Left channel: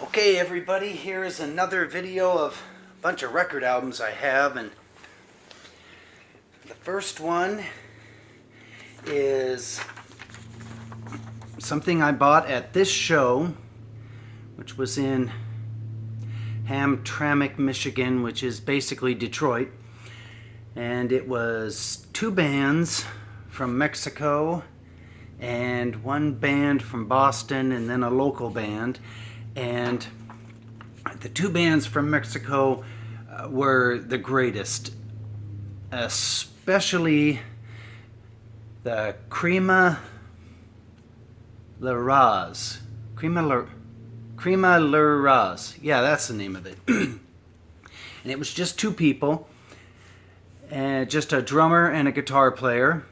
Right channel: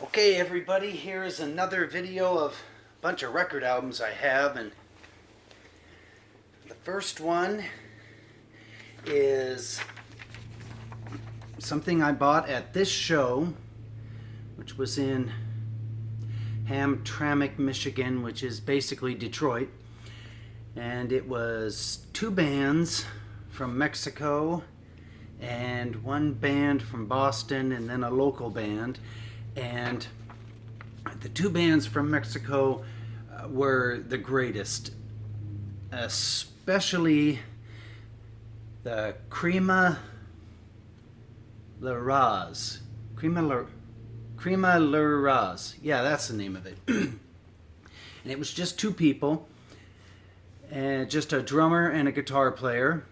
Okay, everybody, here is another video of a bunch of record albums I have, and the first one is something I bought at this show, which was in Hamtramck, Michigan, which is basically Detroit, and it was two bands from Mexico and one band from Boston and then a local band. And the two bands from Mexico were the greatest, especially the Crema La Raz. Crema La Raz. Yeah, that's the name of it. And it was just two people, and just a drummer and a guitar player.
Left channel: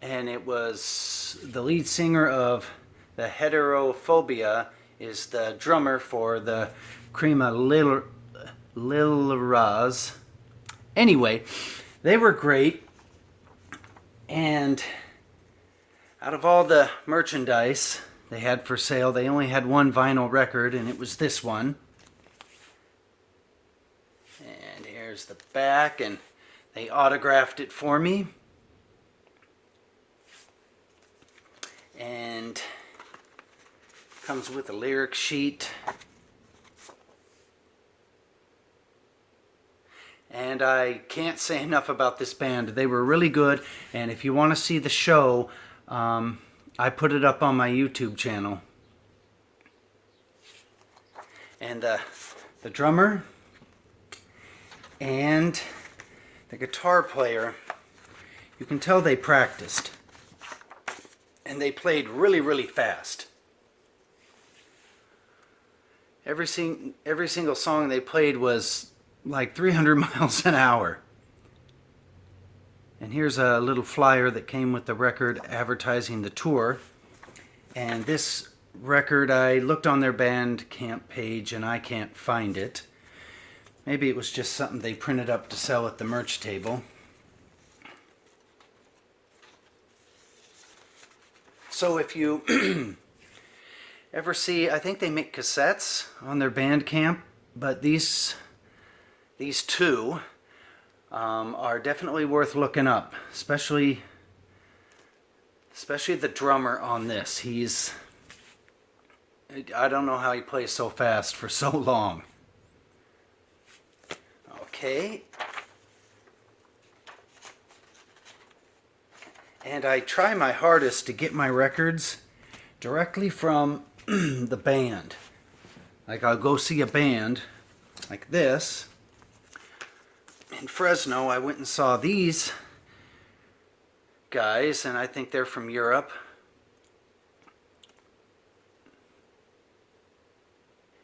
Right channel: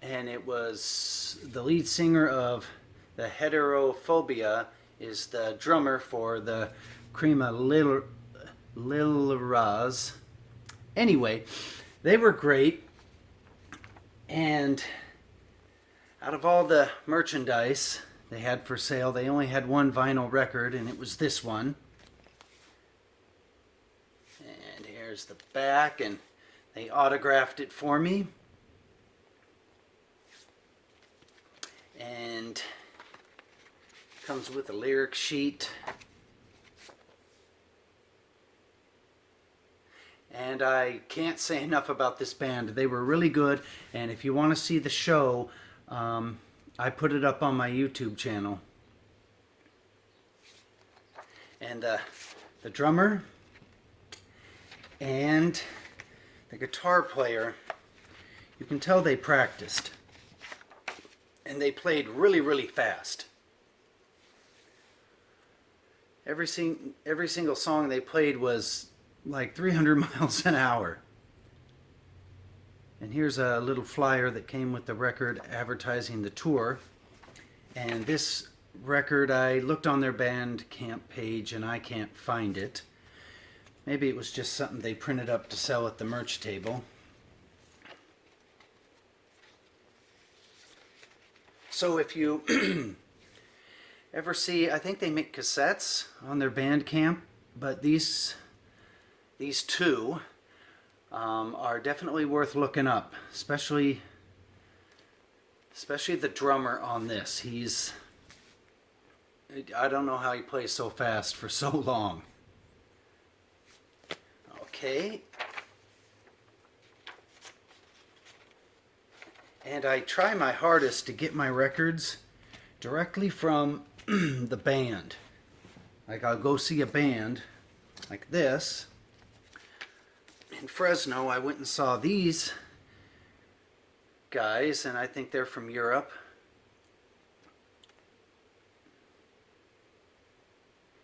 And it was the lead singer of the Heterophobia is the drummer for the Crema Lil Raz. Anyway, they were great, and out of all the merchandise they had for sale, they only had one vinyl record, and it was this one. And here's the back, and they autographed it for me. And comes with a lyric sheet. And I can't say enough about this band. They were really good, and if you want to see the show, I put it up on my YouTube channel. And the drummer and the guitar player, you can tell they practiced. And they played really, really fast. Every single song they played was like 300 miles an hour. And here's a little flyer that came with the record advertising the tour. And this record, I looked on their Bandcamp page and I can't find it. Maybe it was just something they printed up to sell at the merch table. So if you ever see, I think they make cassettes on their Bandcamp, but these two are definitely worth looking up, especially the drummer on this. I don't know how he plays so fast for so long. Okay. And I try my hardest to get my records directly from the band. Like I'll go see a band like this. In Fresno, I went and saw these guys, and I think they're from Europe.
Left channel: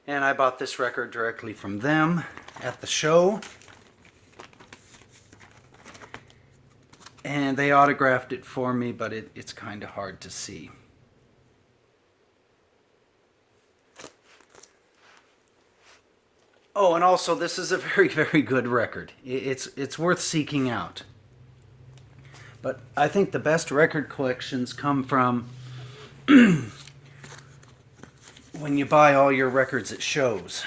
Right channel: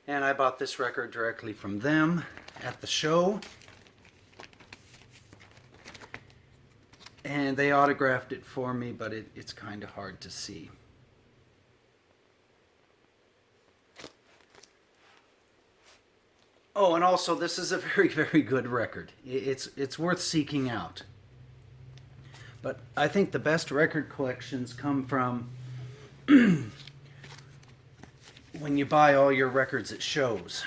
And I bought this record directly from them at the show. And they autographed it for me, but it's kind of hard to see. Oh, and also this is a very, very good record. It's worth seeking out. But I think the best record collections come from when you buy all your records at shows.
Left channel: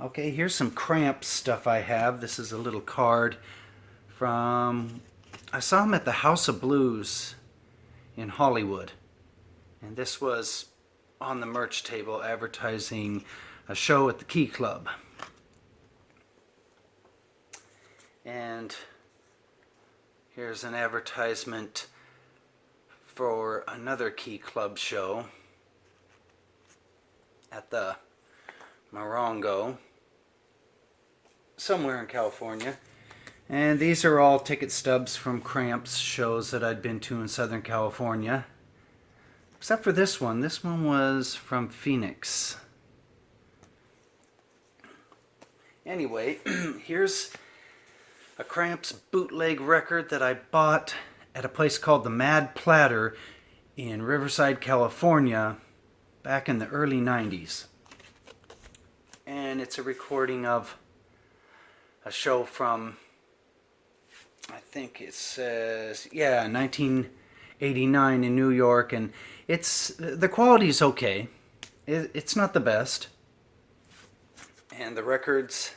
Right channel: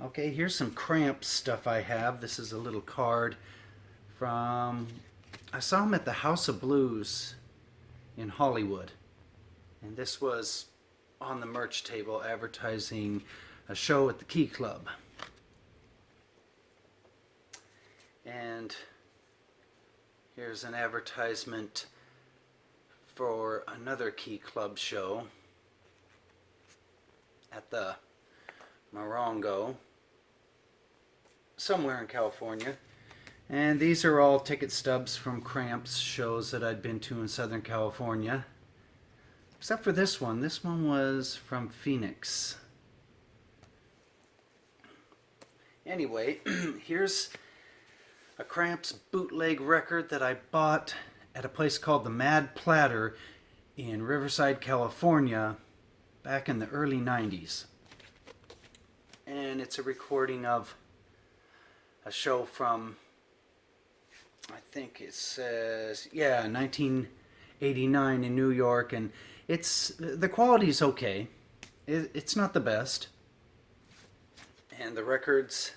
Okay, here's some Cramps stuff I have. This is a little card I saw him at the House of Blues in Hollywood, and this was on the merch table advertising a show at the Key Club. And here's an advertisement for another Key Club show at the Morongo, somewhere in California. And these are all ticket stubs from Cramps shows that I'd been to in Southern California. Except for this one. This one was from Phoenix. Anyway, here's a Cramps bootleg record that I bought at a place called the Mad Platter in Riverside, California, back in the early 90s. And it's a recording of a show from, I think it says, 1989 in New York, and the quality is okay. It's not the best. And the records,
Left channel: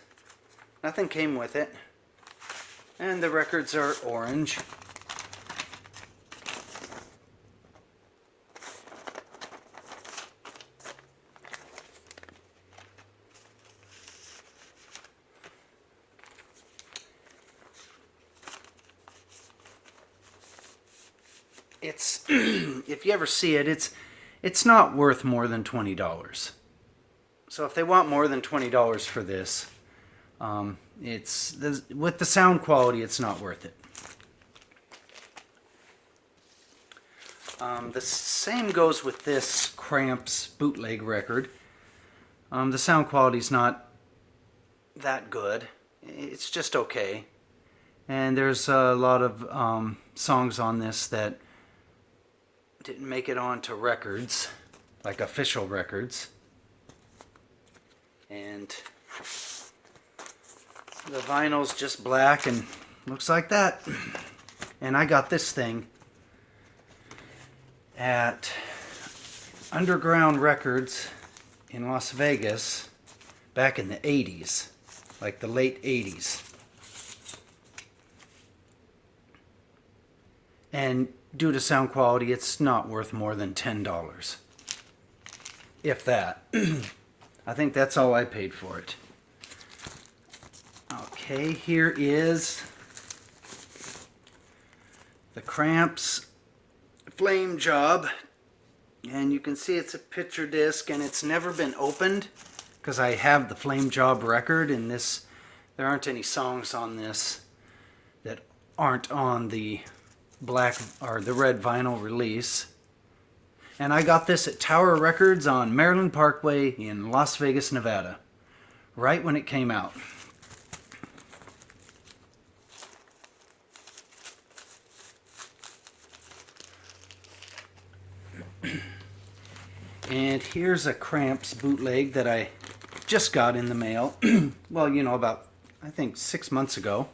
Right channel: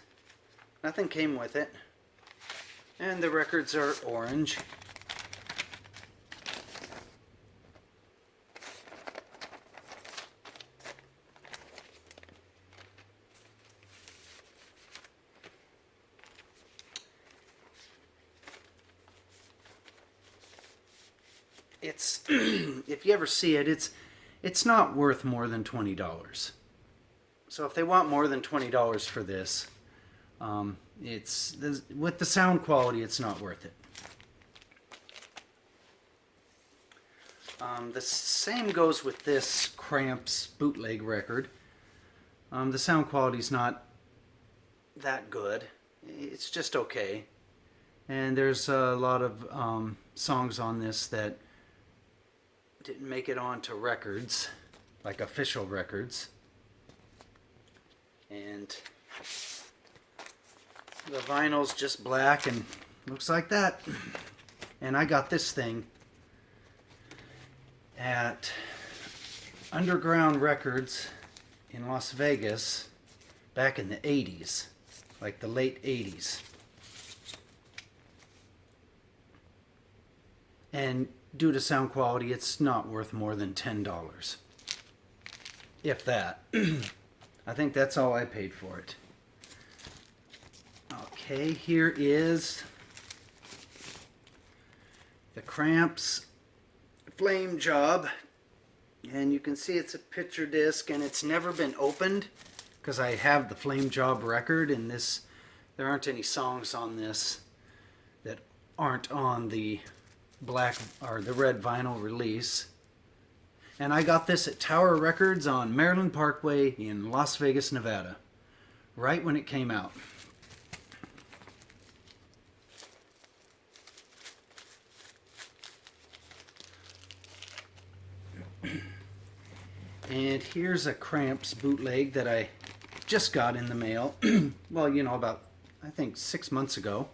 nothing came with it. And the records are orange. It's if you ever see it, it's not worth more than $20. So if they want more than $20 for this, it's with the sound quality, it's not worth it. The same goes with this Cramps bootleg record. The sound quality's not that good. It's just okay. And there's a lot of songs on this that didn't make it onto records, like official records. And the vinyl's just black and looks like that. And I got this thing at Underground Records in Las Vegas back in the 80s, like the late 80s. And due to sound quality, it's not worth more than $10. If that. I think that's all I paid for it. Okay, here is the Cramps Flame Job. And you can see it's a picture disc and it's never been opened because I have the Flame Job record, and this, there aren't any songs on this that aren't on the black or the red vinyl release. And I got this at Tower Records on Maryland Parkway in Las Vegas, Nevada, right when it came out. And here's a Cramps bootleg that I just got in the mail. Well, you know, about, I think, 6 months ago.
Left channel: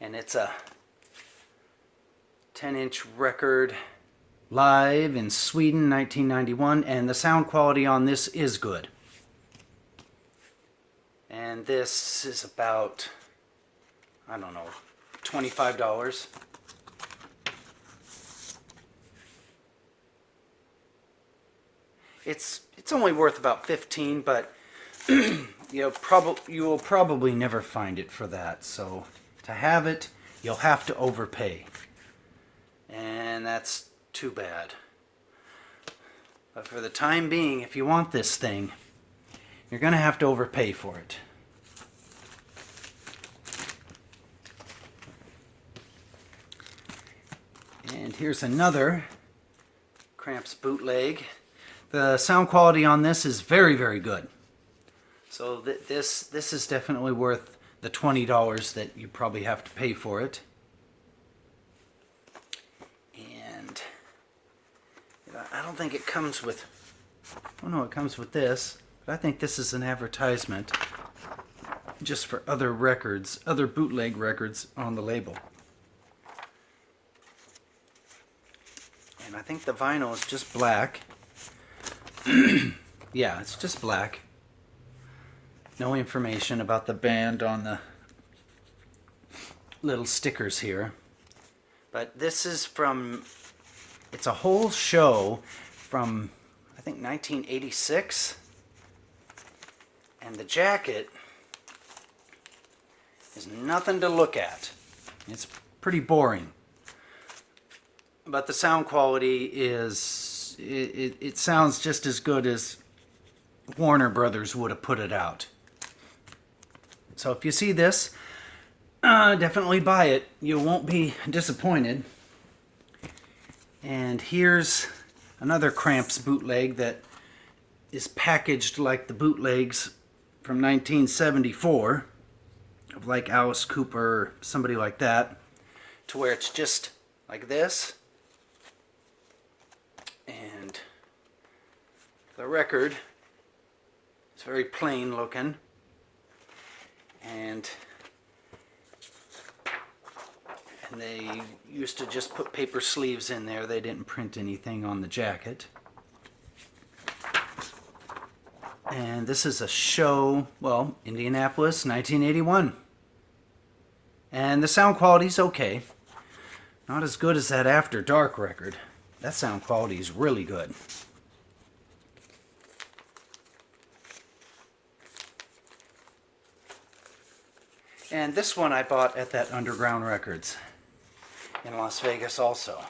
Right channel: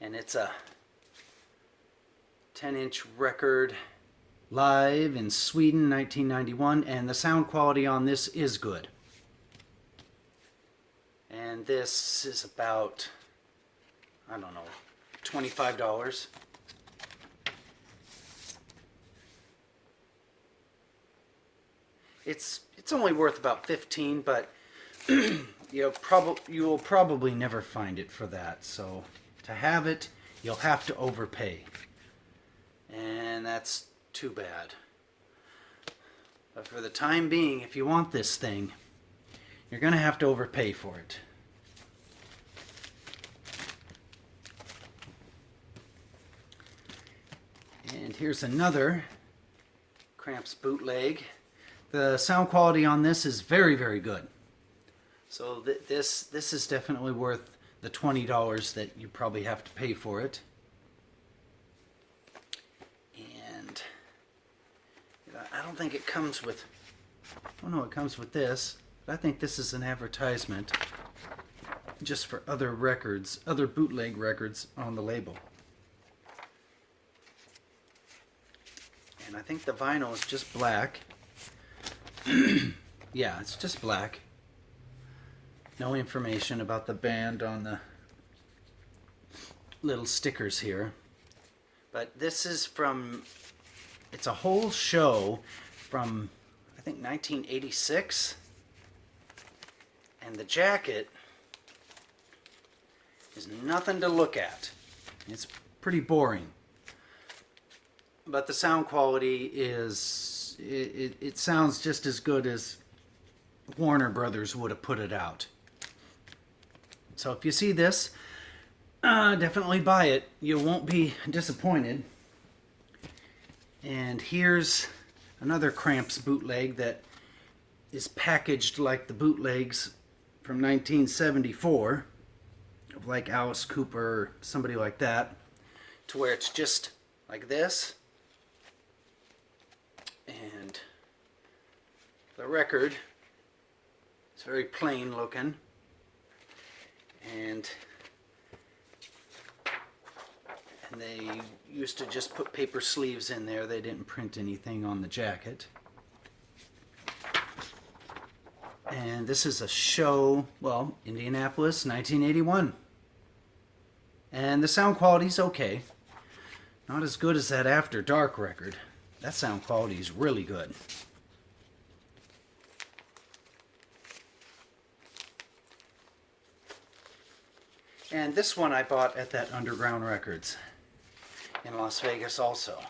And it's a 10-inch record, live in Sweden, 1991. And the sound quality on this is good. And this is about, I don't know, $25. It's only worth about $15, but you will probably never find it for that. So to have it, you'll have to overpay, and that's too bad. But for the time being, if you want this thing, you're going to have to overpay for it. And here's another Cramps bootleg. The sound quality on this is very, very good. So this is definitely worth the $20 that you probably have to pay for it. And I don't think it comes with, oh no, it comes with this. But I think this is an advertisement just for other records, other bootleg records on the label. And I think the vinyl is just black. Yeah, it's just black. No information about the band on the little stickers here. But this is from, it's a whole show from, I think, 1986. And the jacket is nothing to look at. It's pretty boring. But the sound quality is, it sounds just as good as Warner Brothers would have put it out. So if you see this, definitely buy it. You won't be disappointed. And here's another Cramps bootleg that is packaged like the bootlegs from 1974 of like Alice Cooper, somebody like that, to where it's just like this. And the record is very plain looking. And they used to just put paper sleeves in there. They didn't print anything on the jacket. And this is a show, well, Indianapolis, 1981. And the sound quality's okay. Not as good as that After Dark record. That sound quality is really good. And this one I bought at that Underground Records in Las Vegas also.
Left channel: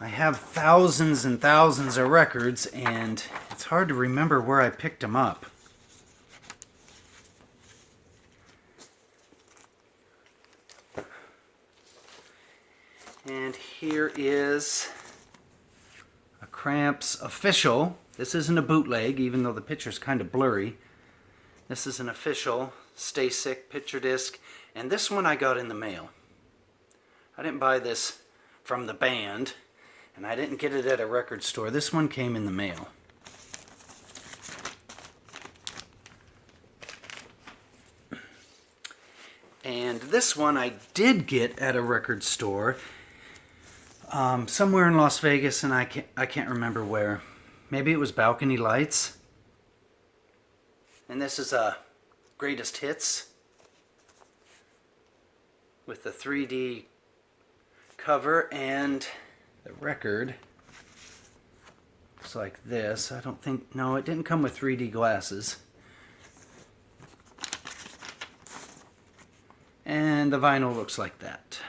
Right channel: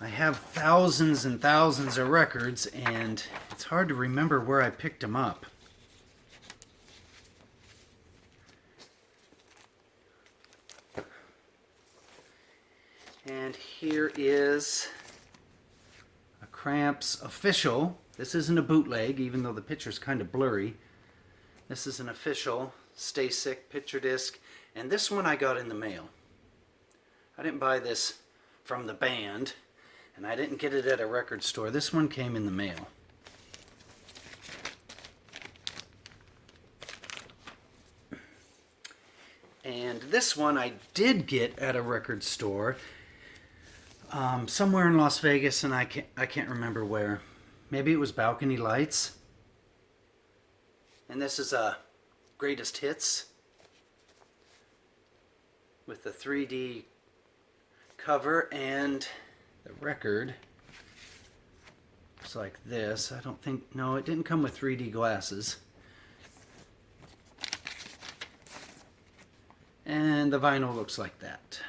I have thousands and thousands of records, and it's hard to remember where I picked them up. And here is a Cramps official. This isn't a bootleg, even though the picture's kind of blurry. This is an official Stay Sick picture disc, and this one I got in the mail. I didn't buy this from the band, and I didn't get it at a record store. This one came in the mail. And this one I did get at a record store, somewhere in Las Vegas, and I can't remember where. Maybe it was Balcony Lights. And this is a Greatest Hits with the 3D cover, and the record looks like this. I don't think, no, it didn't come with 3D glasses. And the vinyl looks like that.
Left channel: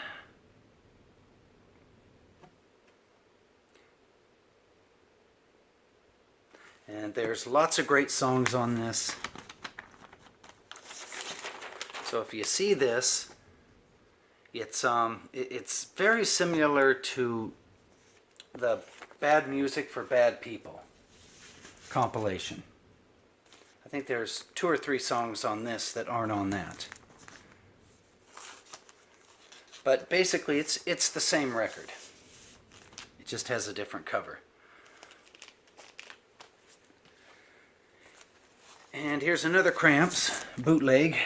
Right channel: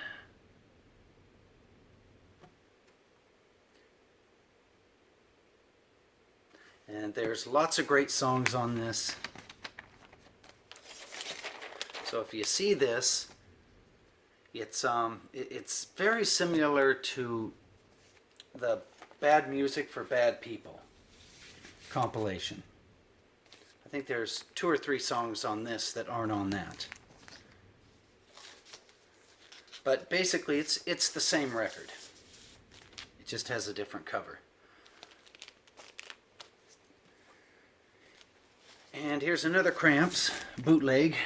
And there's lots of great songs on this. So if you see this, it's very similar to the Bad Music for Bad People compilation. I think there's 2 or 3 songs on this that aren't on that. But basically it's the same record. It just has a different cover. And here's another Cramps bootleg.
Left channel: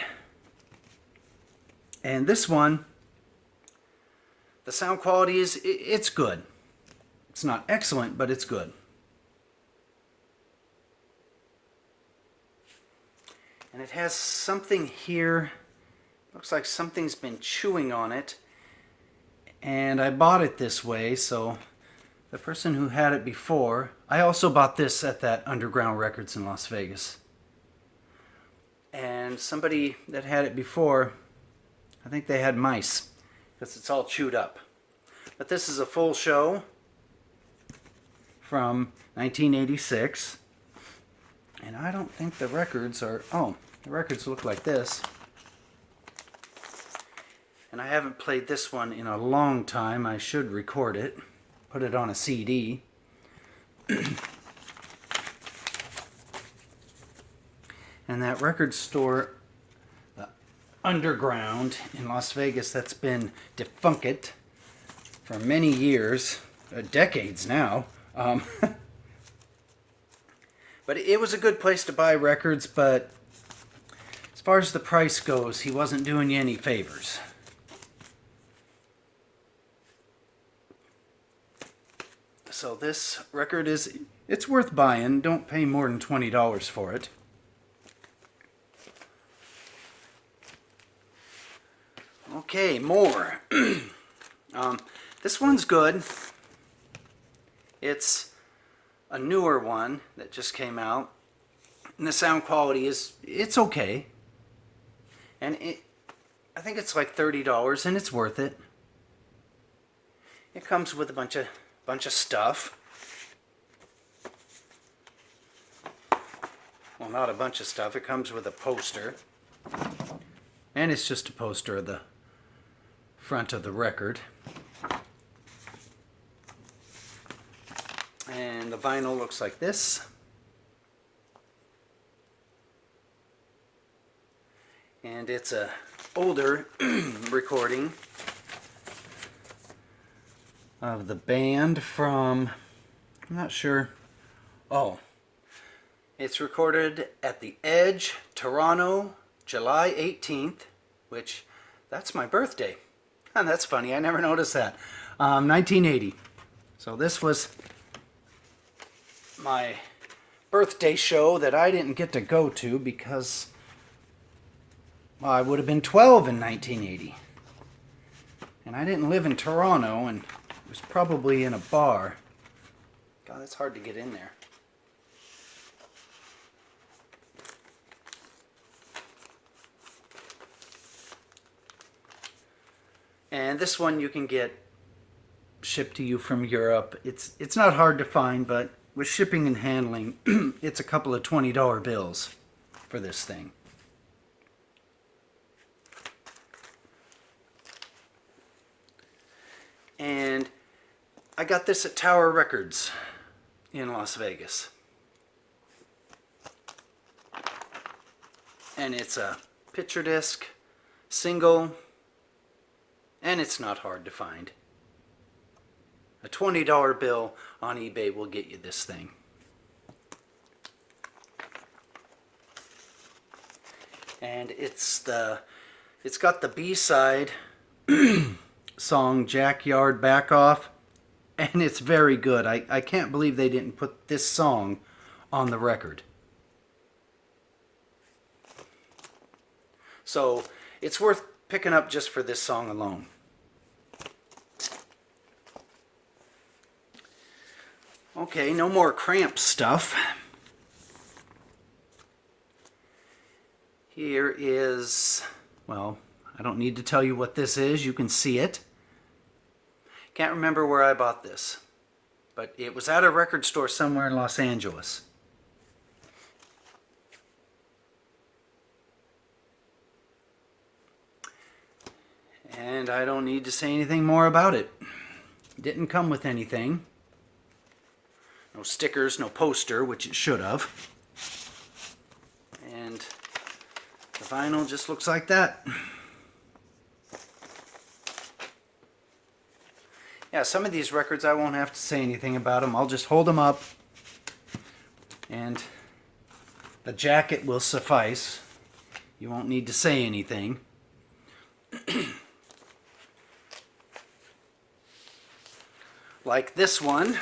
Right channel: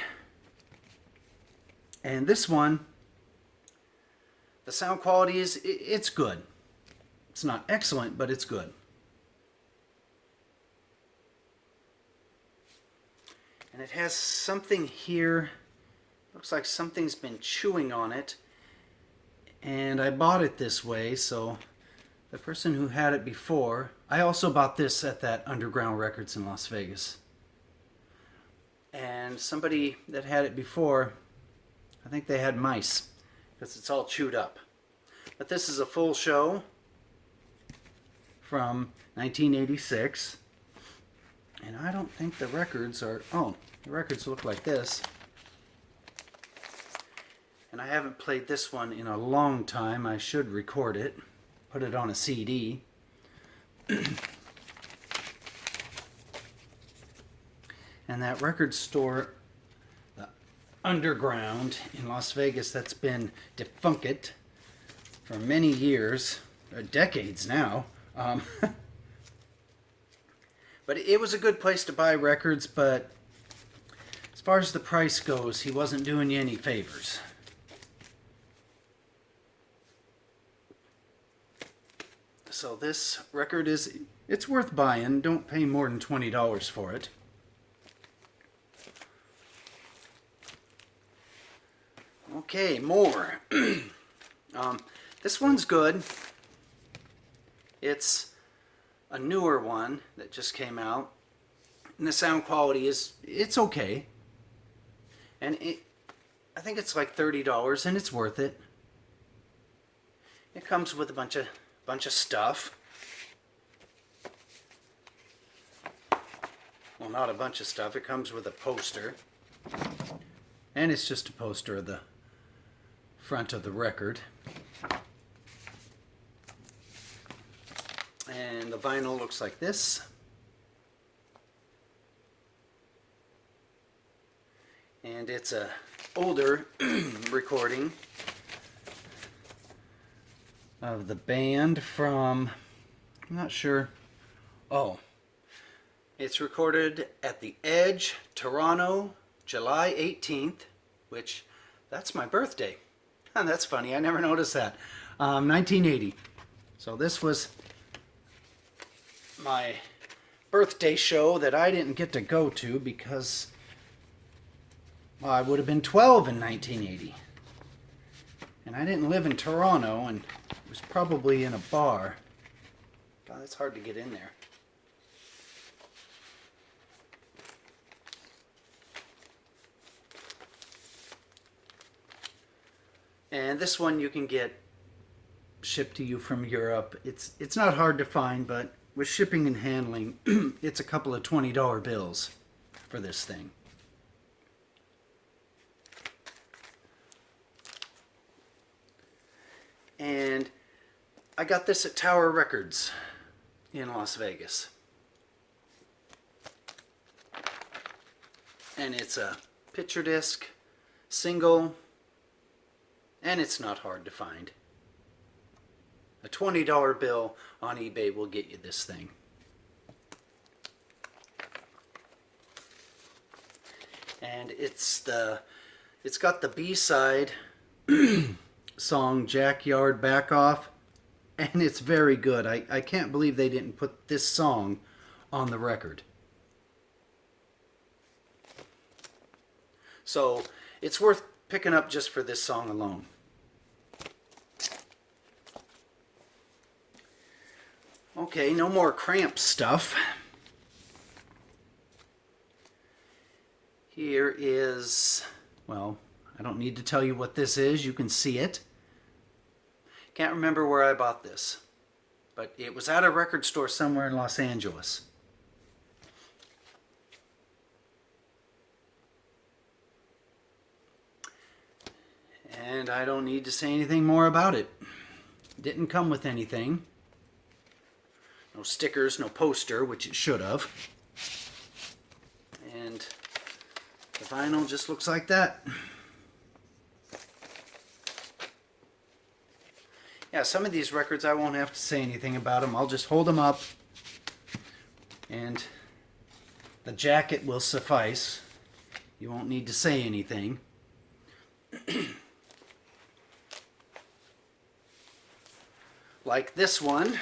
And this one, the sound quality it's good. It's not excellent, but it's good. And it has something here. Looks like something's been chewing on it. And I bought it this way, so the person who had it before, I also bought this at that Underground Records in Las Vegas. And somebody that had it before, I think they had mice, because it's all chewed up. But this is a full show from 1986. And I don't think the records are, oh, the records look like this. And I haven't played this one in a long time. I should record it, put it on a CD. And that record store, the Underground in Las Vegas, that's been defunct for many years, decades now. But it was a good place to buy records, but as far as the price goes, he wasn't doing you any favors. So this record it's worth buying. Don't pay more than $20 for it. Okay, more. This one's good. It's a newer one that just came out. And the sound quality it's okay. And I think it's like $30, and it's worth it. It comes with a bunch of stuff. Well, not a bunch of stuff. It comes with a poster. And it's just a poster of the front of the record. And the vinyl looks like this. And it's a older recording of the band from, I'm not sure. Oh, it's recorded at the Edge, Toronto, July 18th, which, that's my birthday. And that's funny, I never noticed that. 1980. So this was my birthday show that I didn't get to go to because, well, I would have been 12 in 1980. And I didn't live in Toronto, and it was probably in a bar. God, that's hard to get in there. And this one you can get shipped to you from Europe. It's not hard to find, but with shipping and handling, it's a couple of $20 bills for this thing. And I got this at Tower Records in Las Vegas. And it's a picture disc, single, and it's not hard to find. A $20 bill on eBay will get you this thing. And it's got the B-side song Jackyard Back Off, and it's very good. I can't believe they didn't put this song on the record. So it's worth picking up just for this song alone. Okay, no more Cramp stuff. Here is, well, I don't need to tell you what this is. You can see it. Can't remember where I bought this, but it was at a record store somewhere in Los Angeles. And I don't need to say anything more about it. Didn't come with anything. No stickers, no poster, which it should have. And the vinyl just looks like that. Yeah, some of these records I won't have to say anything about them. I'll just hold them up and the jacket will suffice. You won't need to say anything. Like this one.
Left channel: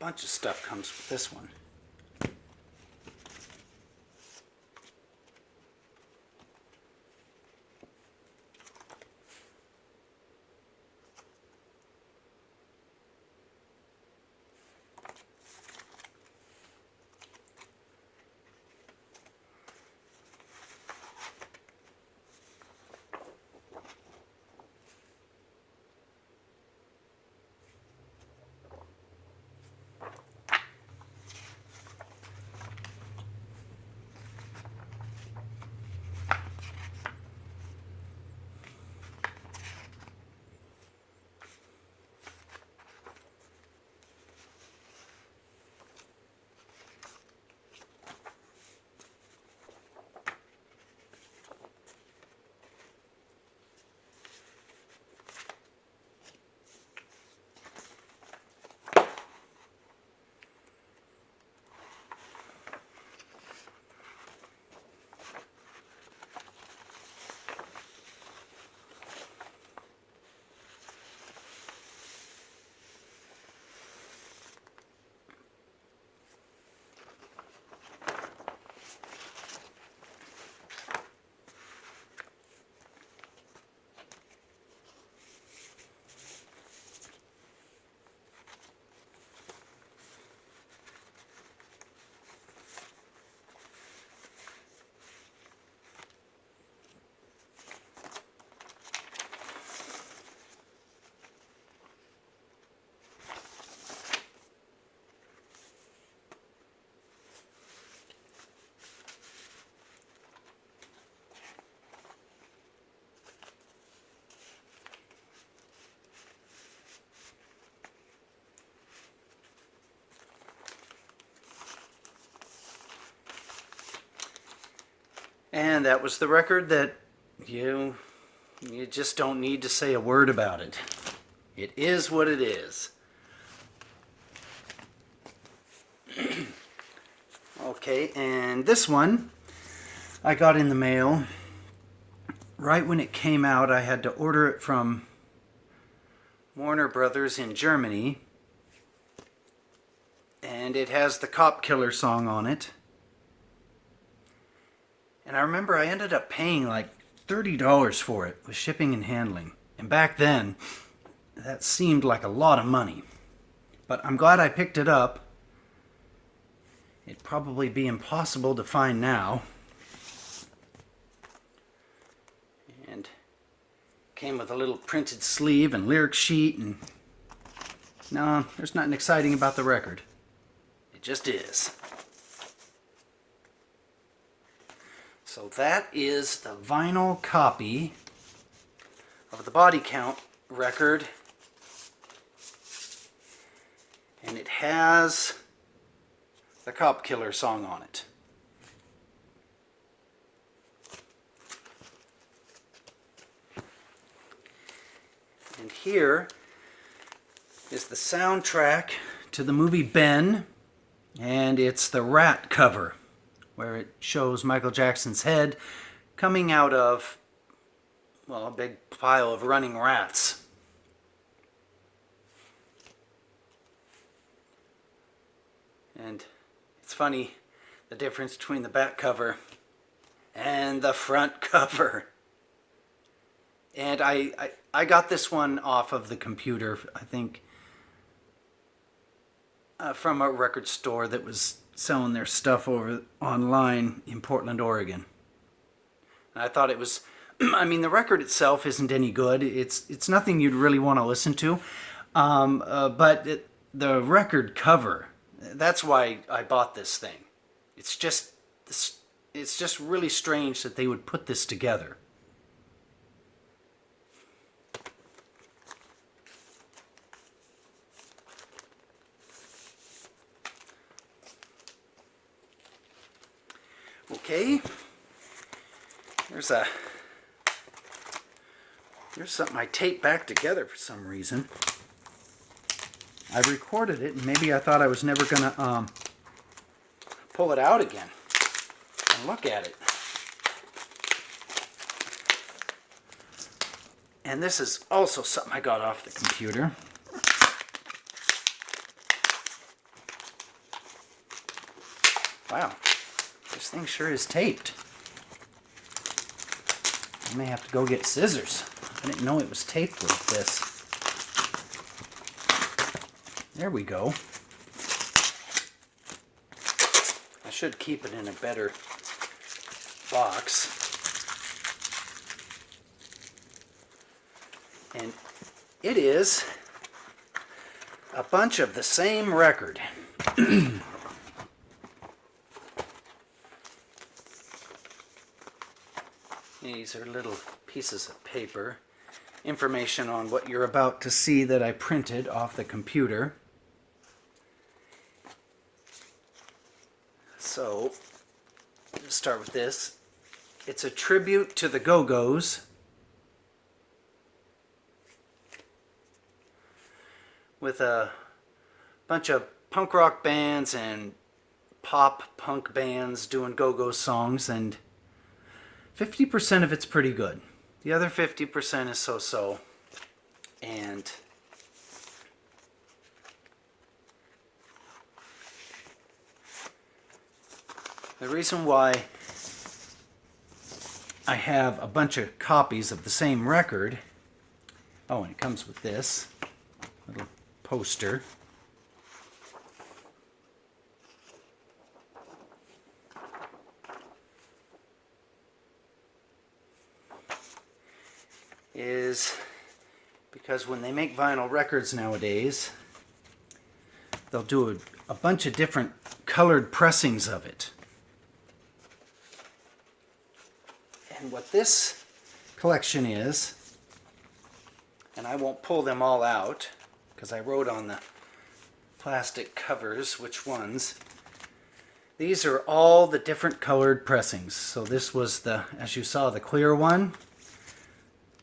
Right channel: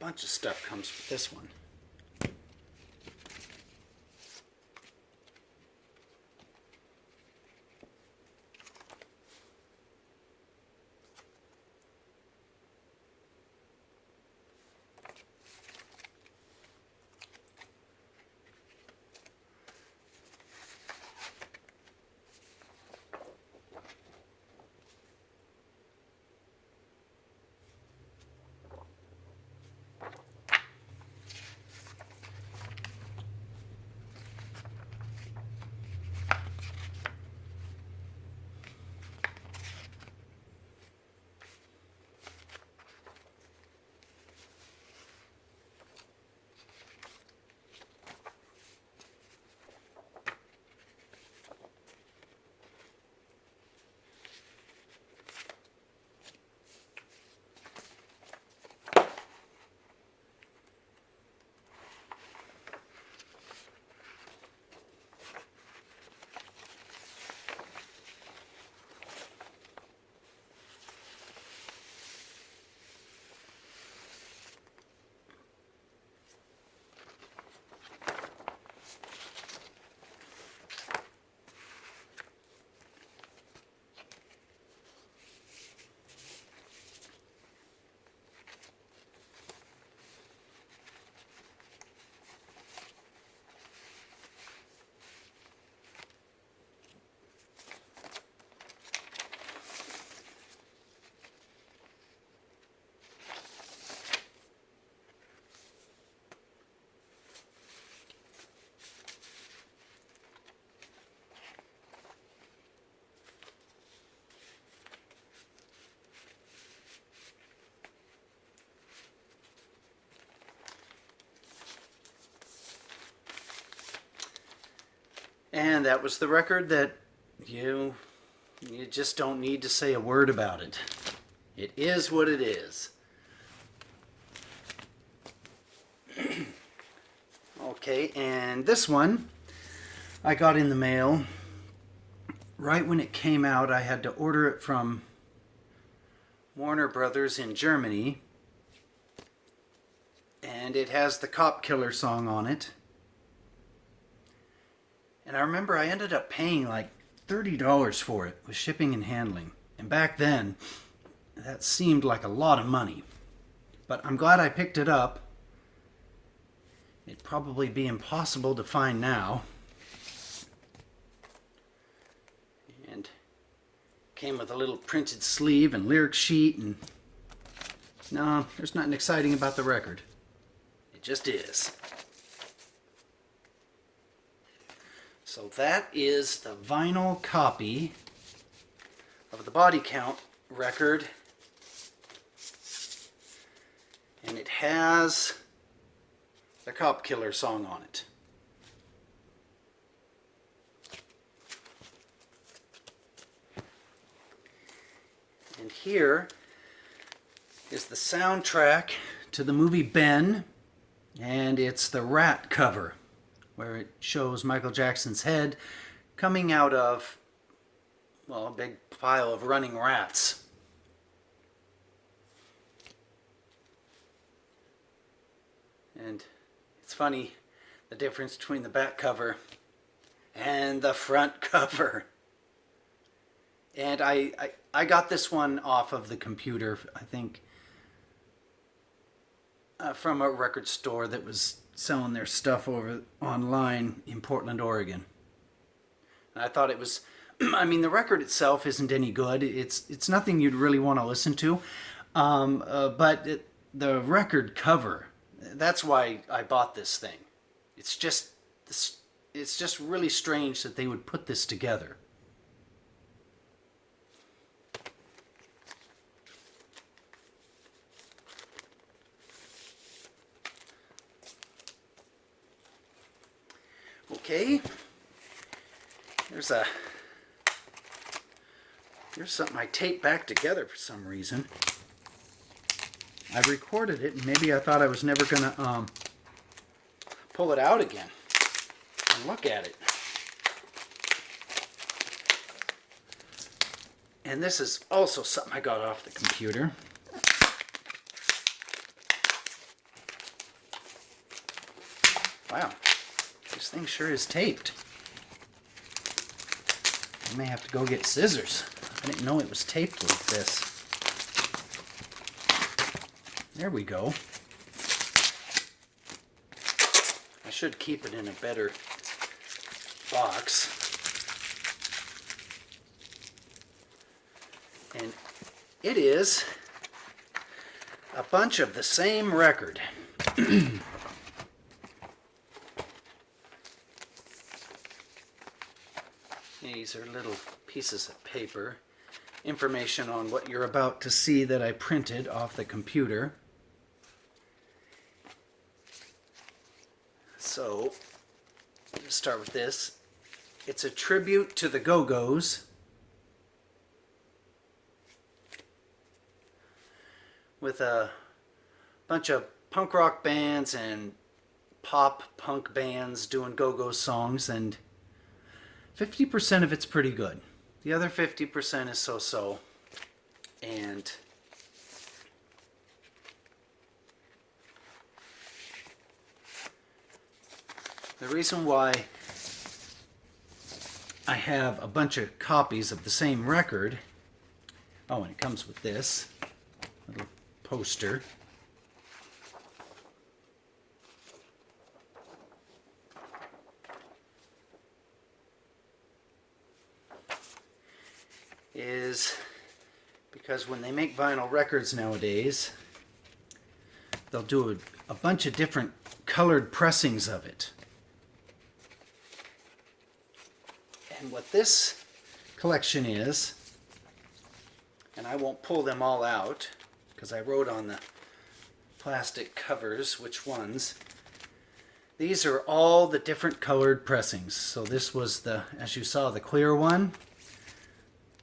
Bunch of stuff comes with this one. And that was the record that you just don't need to say a word about it. It is what it is. Okay, and this one I got in the mail right when it came out. I had to order it from Warner Brothers in Germany, and it has the Cop Killer song on it. And I remember I ended up paying like $30 for it with shipping and handling. And back then, that seemed like a lot of money. But I'm glad I picked it up. It'd probably be impossible to find now. And came with a little printed sleeve and lyric sheet, and no, there's nothing exciting about the record. It just is. So that is the vinyl copy of the Body Count record. And it has the Cop Killer song on it. And here is the soundtrack to the movie Ben, and it's the Rat cover, where it shows Michael Jackson's head coming out of, well, a big pile of running rats. And it's funny, the difference between the back cover and the front cover. And I got this one off of the computer, I think, from a record store that was selling their stuff over online in Portland, Oregon. And I thought it was, I mean, the record itself isn't any good. It's nothing you'd really want to listen to. But the record cover, that's why I bought this thing. It's just really strange that they would put this together. Okay, there's something I taped back together for some reason. I recorded it, and maybe I thought I was never gonna pull it out again and look at it. And this is also something I got off the computer. Wow. This thing sure is taped. I may have to go get scissors. I didn't know it was taped like this. There we go. I should keep it in a better box. And it is a bunch of the same record. These are little pieces of paper. Information on what you're about to see that I printed off the computer. So, let's start with this. It's a tribute to the Go-Go's with a bunch of punk rock bands and pop punk bands doing Go-Go songs, and 50% of it's pretty good. The other 50% is so-so. And the reason why I have a bunch of copies of the same record, oh, and it comes with this little poster. Is because when they make vinyl records nowadays, they'll do a bunch of different colored pressings of it. And what this collection is, and I won't pull them all out because I wrote on the plastic covers which ones. These are all the different colored pressings. So this was the, as you saw, the clear one.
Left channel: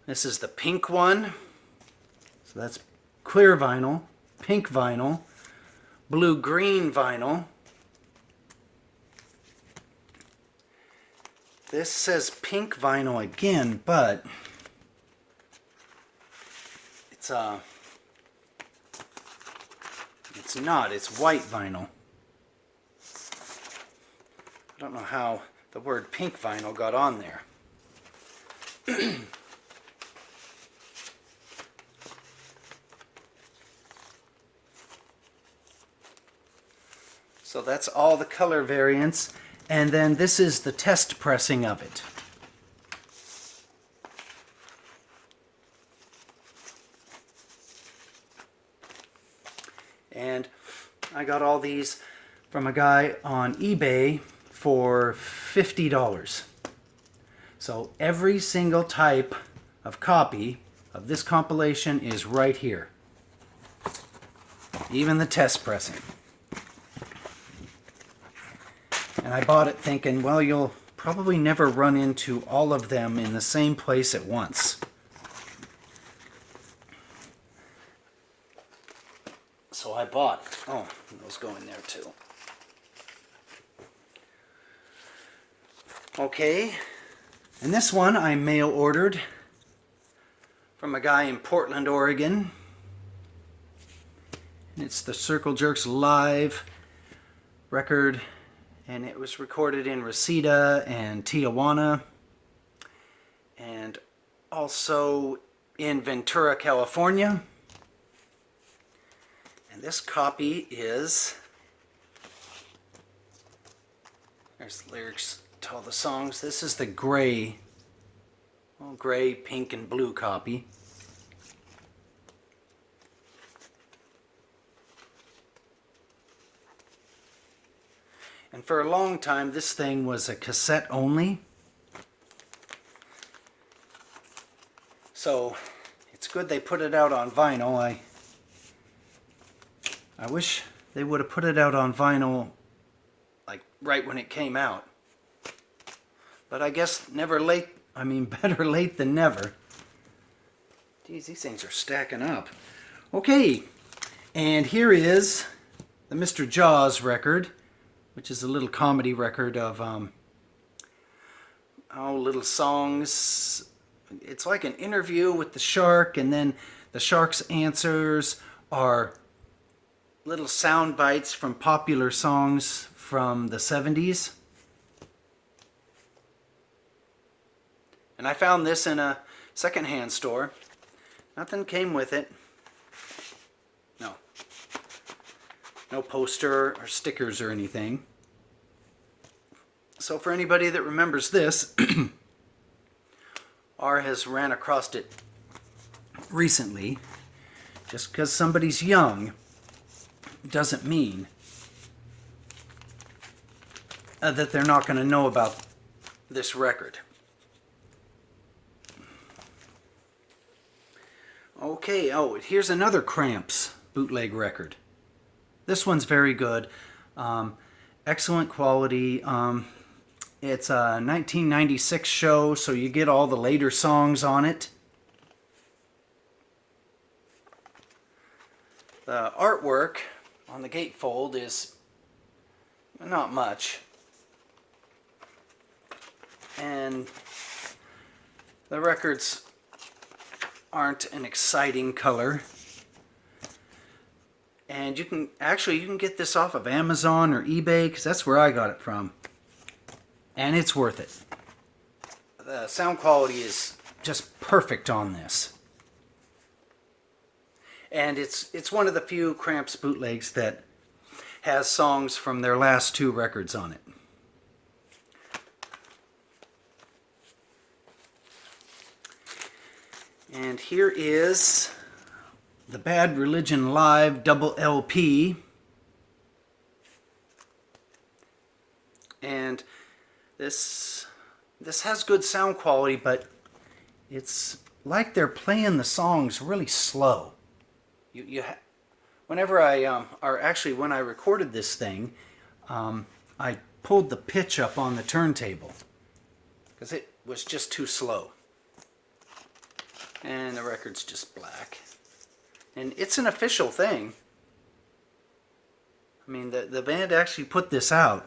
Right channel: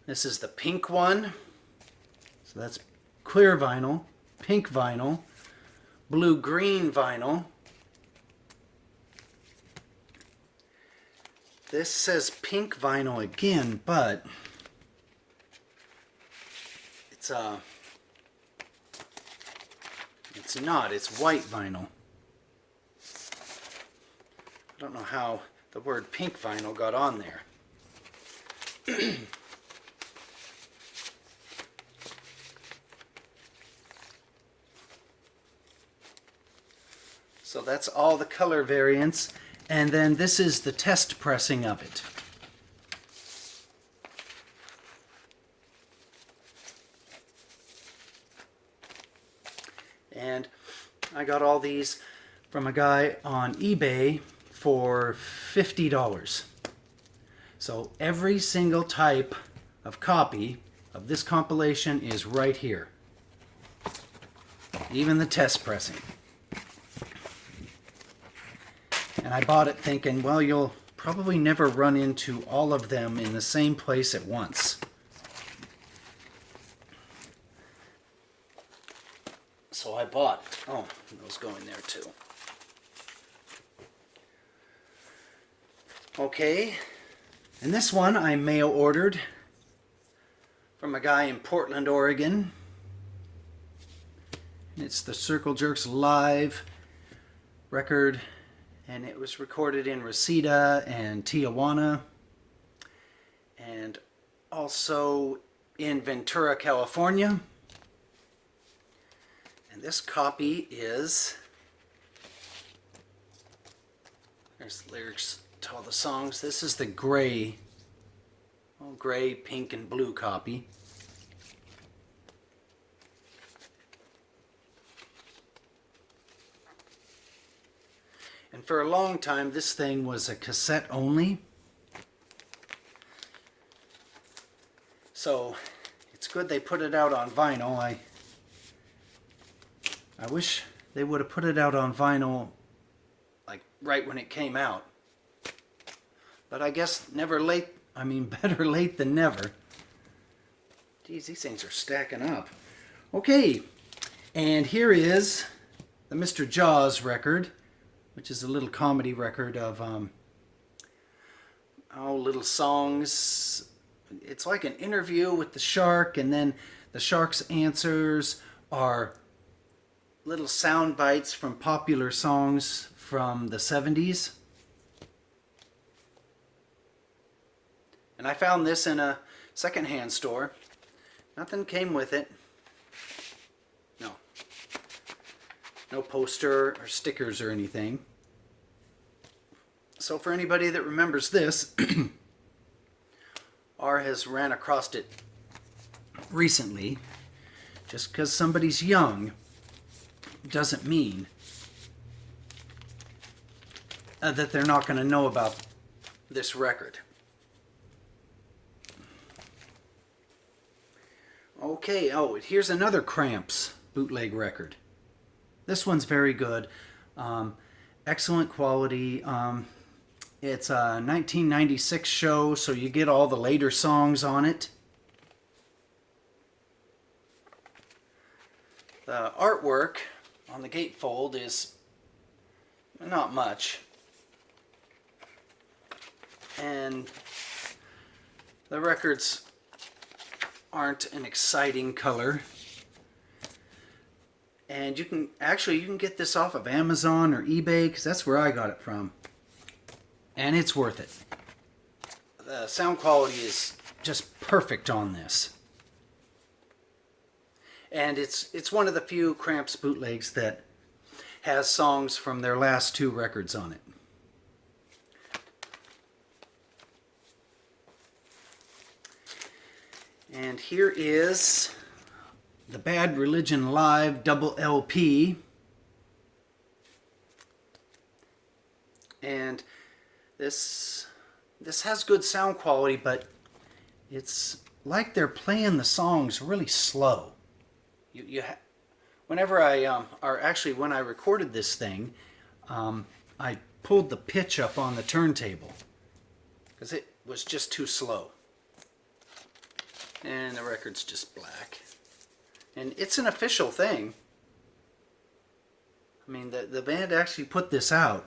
This is the pink one. So that's clear vinyl, pink vinyl, blue-green vinyl. This says pink vinyl again, but it's not. It's white vinyl. I don't know how the word pink vinyl got on there. So that's all the color variants. And then this is the test pressing of it. And I got all these from a guy on eBay for $50. So every single type of copy of this compilation is right here. Even the test pressing. And I bought it thinking, well, you'll probably never run into all of them in the same place at once. So I bought it. Oh, those go in there too. Okay, and this one I mail ordered from a guy in Portland, Oregon. And it's the Circle Jerks Live record. And it was recorded in Reseda and Tijuana, and also in Ventura, California. And this copy is, there's the lyrics to all the songs. This is the gray, pink, and blue copy. And for a long time, this thing was a cassette only. So it's good they put it out on vinyl. I wish they would have put it out on vinyl like right when it came out. But I guess better late than never. Geez, these things are stacking up. Okay, and here is the Mr. Jaws record, which is a little comedy record of little songs. It's like an interview with the shark, and then the shark's answers are little sound bites from popular songs from the 70s. And I found this in a secondhand store. Nothing came with it. No poster or stickers or anything. So for anybody that remembers this, or has ran across it recently, just because somebody's young doesn't mean that they're not going to know about this record. Okay, here's another Cramps bootleg record. This one's very good. Excellent quality. It's a 1996 show, so you get all the later songs on it. The artwork on the gatefold is not much. And the records aren't an exciting color. And you can get this off of Amazon or eBay, because that's where I got it from. And it's worth it. The sound quality is just perfect on this. And it's one of the few Cramps bootlegs that has songs from their last two records on it. And here is the Bad Religion Live double LP. And this has good sound quality, but it's like they're playing the songs really slow. Whenever when I recorded this thing, I pulled the pitch up on the turntable because it was just too slow. And the record's just black. And it's an official thing. I mean, the band actually put this out.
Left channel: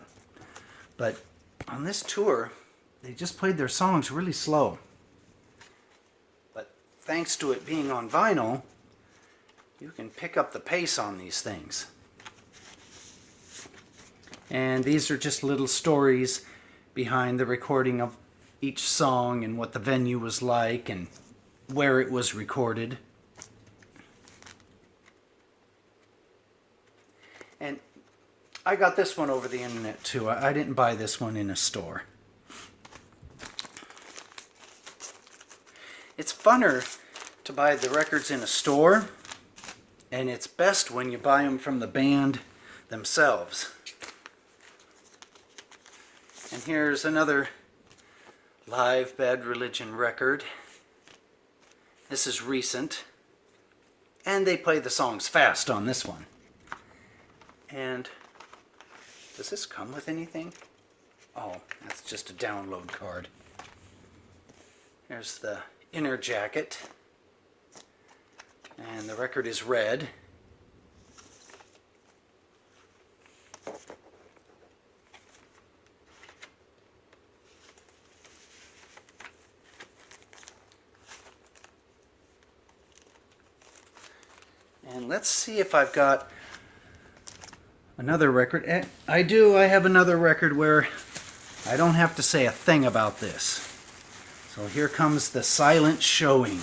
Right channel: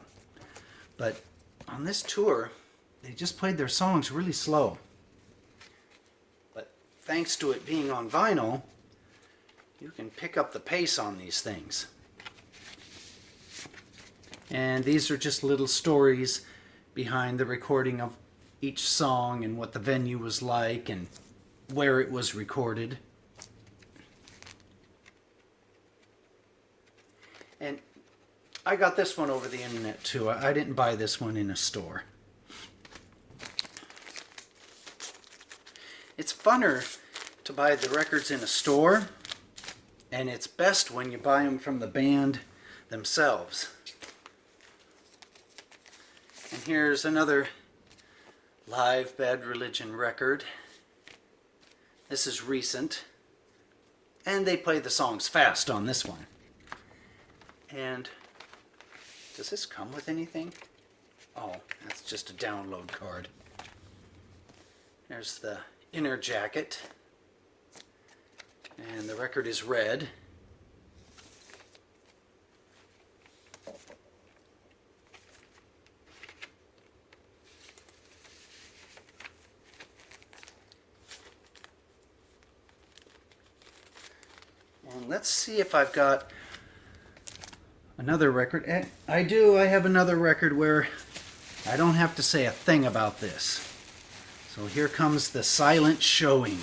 But on this tour, they just played their songs really slow. But thanks to it being on vinyl, you can pick up the pace on these things. And these are just little stories behind the recording of each song and what the venue was like and where it was recorded. And I got this one over the internet too. I didn't buy this one in a store. It's funner to buy the records in a store, and it's best when you buy them from the band themselves. And here's another live Bad Religion record. This is recent, and they play the songs fast on this one. And does this come with anything? Oh, that's just a download card. Here's the inner jacket, and the record is red. And let's see if I've got another record. I do. I have another record where I don't have to say a thing about this. So here comes The Silent Showing.